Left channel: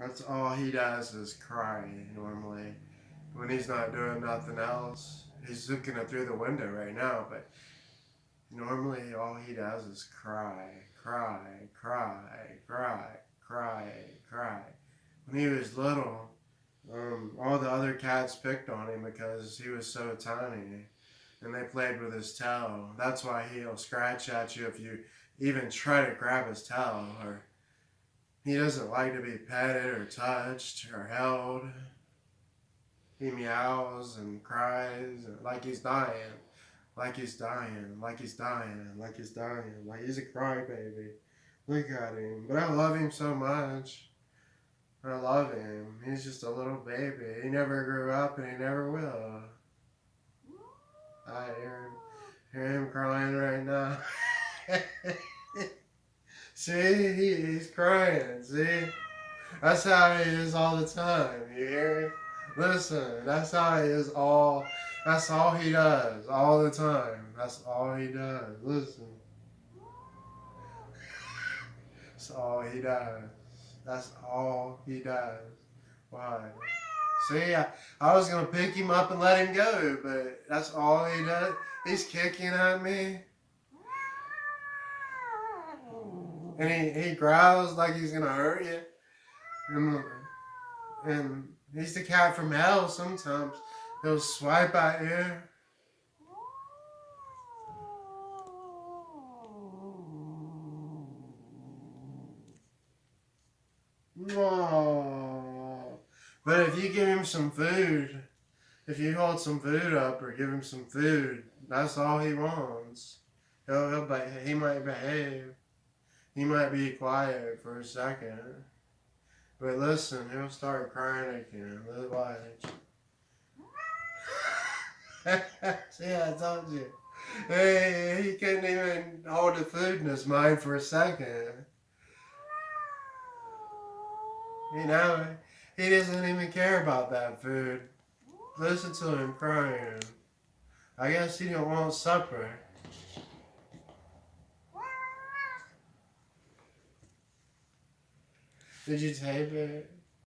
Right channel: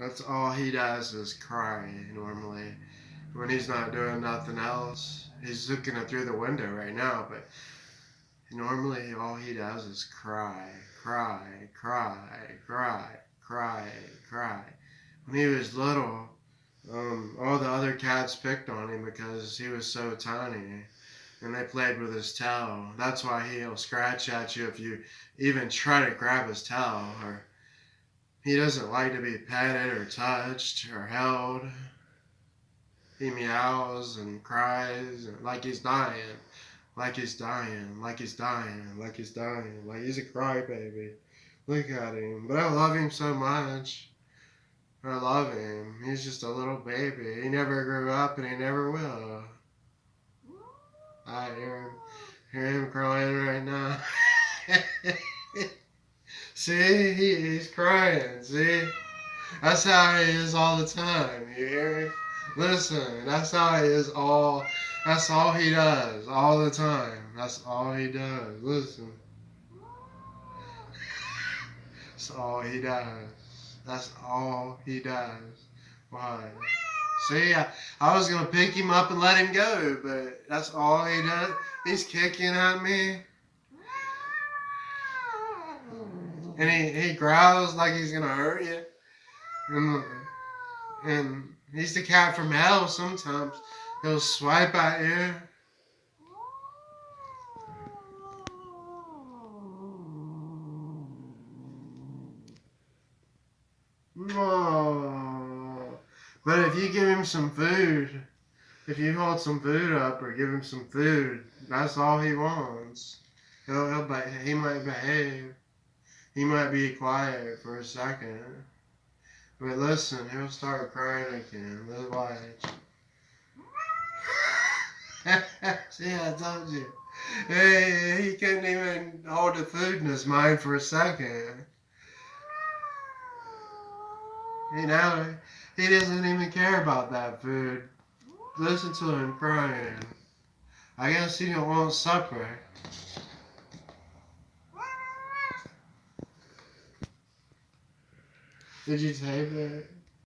That's all he does is cry normally. When he's not doing nothing else. He's looking at through the window right now, but normally all he does is cry, cry, cry, cry, cry, cry. When he was little, all the other cats picked on him because he was so tiny. And they played with his tail. That's why he'll scratch at you if you even try to grab his tail. Or he doesn't like to be petted or touched or held. He meows and cries like he's dying, like he's dying, like he's dying, like he's dying, like he's a crybaby. Look at him. But I love him so much. I love him. He's just a little baby. He never grew up and he never will. I hear him crying right now. See, he's crying. See, that's how he is all the time. You hear me? Listen, that's how he is all. That's all he does all the time. That's all he does. Listen, that's all he does. That's all he does. Why? See, I was gonna pick him up and let him go, but that's all he does. He's kicking at me, and he growls like he's gonna hurt you. And he's the cat from hell. Sometimes he'll swipe at you. Oh. But if you give him some food, if you hold some food up or give him some food, that's all he wants. He might behave. He might be quiet for a second. But listen, he'll start crying again. Let's watch. See, I told you. Hey, he couldn't even hold the food in his mind for a second. You know, he doesn't even care about that food. Listen to him crying. I guess he don't want supper. Did you tape it?